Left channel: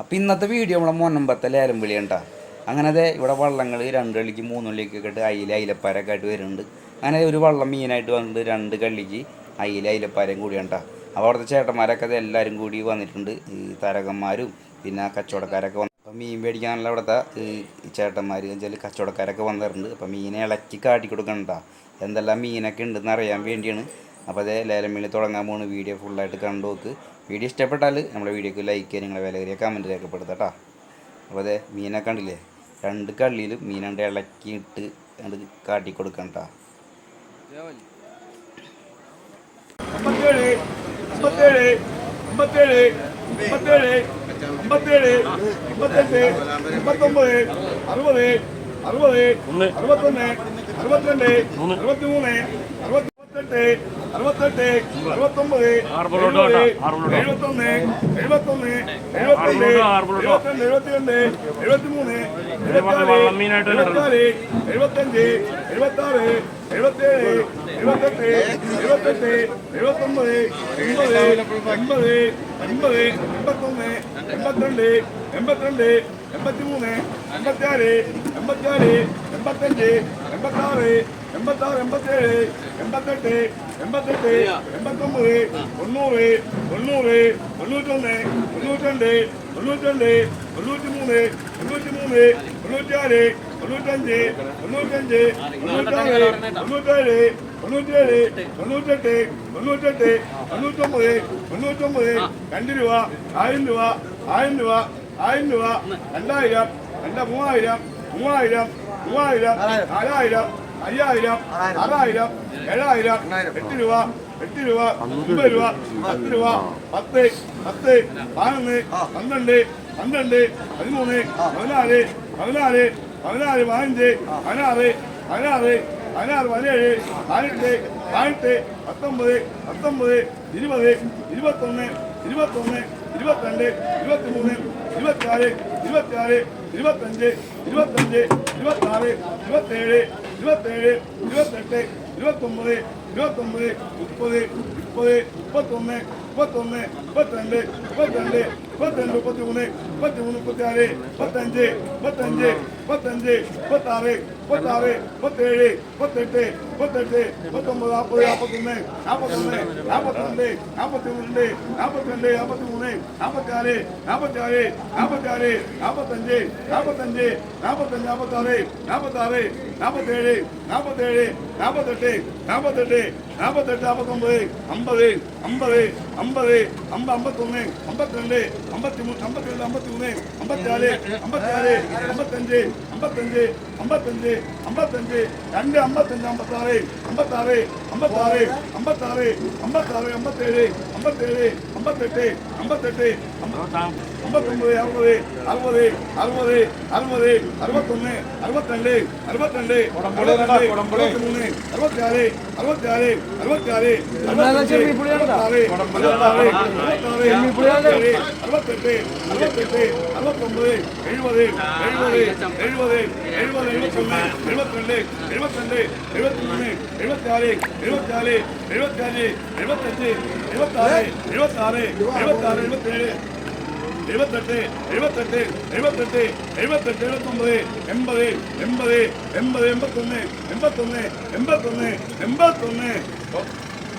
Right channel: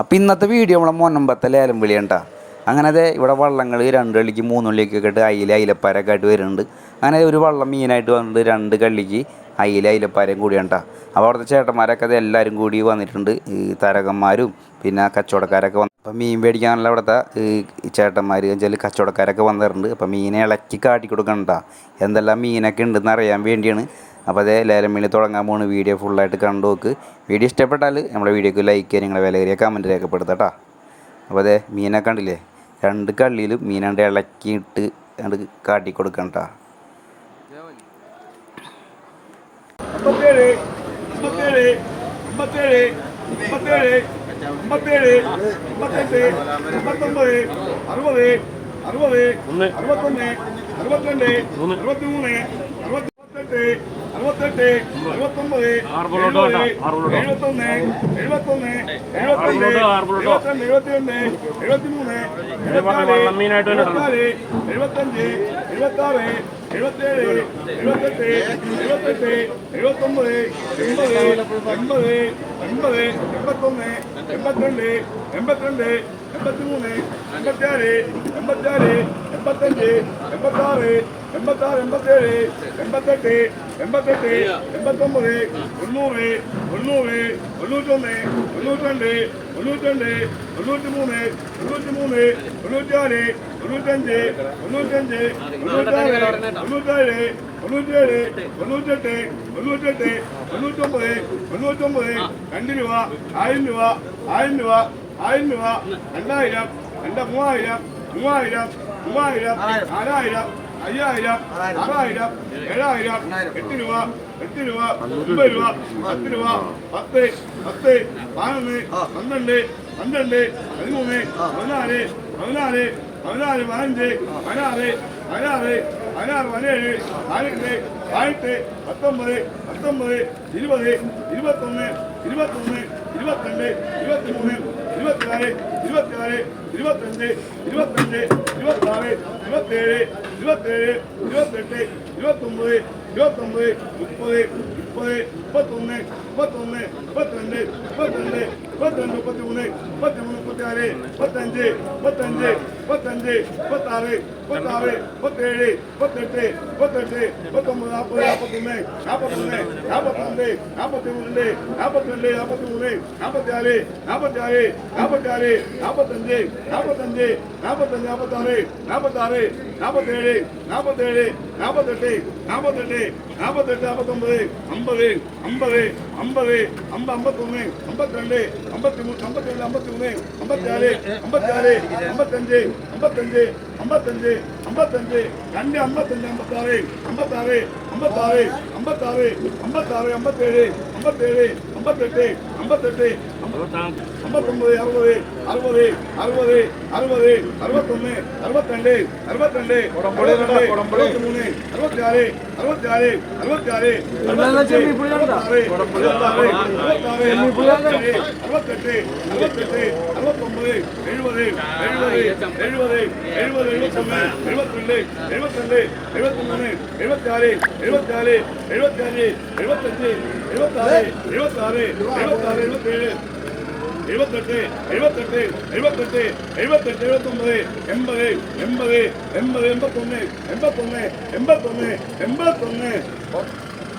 അപ്പം ഇന്നത്തെ വീഡിയോ നമ്മളെ മൊന്നമ്പത്തെ ലേലം വിളിയണ്ടാ. അങ്ങനെ ഇവിടെ വള്ളങ്ങൾ 2 കള്ളിക്ക് 3 കള്ളിക്കൊക്കെ ഇട്ട് അയിലപ്പാരൊക്കെ ആയിട്ട് വരുന്നുണ്ട്. അങ്ങനെ ഒരു വള്ളം മീനായിട്ട് വന്നിട്ട് 2 കള്ളിക്ക് അയിലപ്പാരയും കൂടിയാണ്ടാ. അപ്പോൾ അവിടുത്തെ ചേട്ടന്മാരൊക്കെ അത് എല്ലാവരും കൂടി വന്നിട്ടുണ്ട്. ഈ തരകന്മാരും പിന്നെ കച്ചവടക്കാരൊക്കെ വന്നു. അപ്പം മീൻ മേടിക്കാനുള്ള അവിടുത്തെ ചേട്ടന്മാർ വെച്ചാൽ കച്ചവടക്കാരൊക്കെ വന്നിട്ടുണ്ട്. അപ്പം മീനെ ഇളക്കി കാട്ടി കൊടുക്കണ്ട എന്തെല്ലാം മീനൊക്കെ ഉണ്ടെന്ന് അറിയാൻ വേണ്ടിയാണ്. അപ്പോൾ അതേ ലേലം വിളി തുടങ്ങാൻ പോകുന്ന വീഡിയോ ഫുള്ളായിട്ട് കണ്ടു നോക്ക്. വീഡിയോ ഇഷ്ടപ്പെട്ടാൽ നമ്മുടെ വീഡിയോക്ക് ലൈക്ക് ചെയ്യുക, നിങ്ങളെ വിലയേറിയ കമൻറ്റ് രേഖപ്പെടുത്താട്ടോ. അപ്പോൾ അതേ മീനൊക്കെ കണ്ടില്ലേ, 2 കള്ളിയിലും മീനാണ്ട് ഇളക്കിയിട്ട് അത് കാട്ടി കൊടുക്കണ്ട.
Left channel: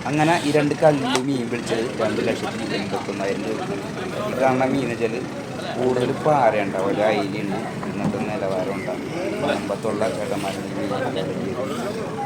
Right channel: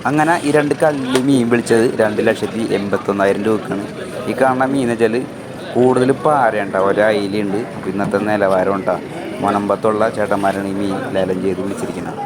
അങ്ങനെ ഈ 2 കള്ളി മീൻ വിളിച്ചത് 2,81,000 രൂപക്കാണ്. ഈ കാണുന്ന മീൻ വെച്ചാൽ കൂടുതൽ പാരയുണ്ടാവും, ഒരയിലുണ്ട്. ഇന്നത്തെ നിലവാരം ഉണ്ടാകും. മണമ്പത്തുള്ള ചേട്ടന്മാരാണ് ഈ മീൻ ലേലം ചെയ്ത് വിളിച്ചിരിക്കുന്നത്.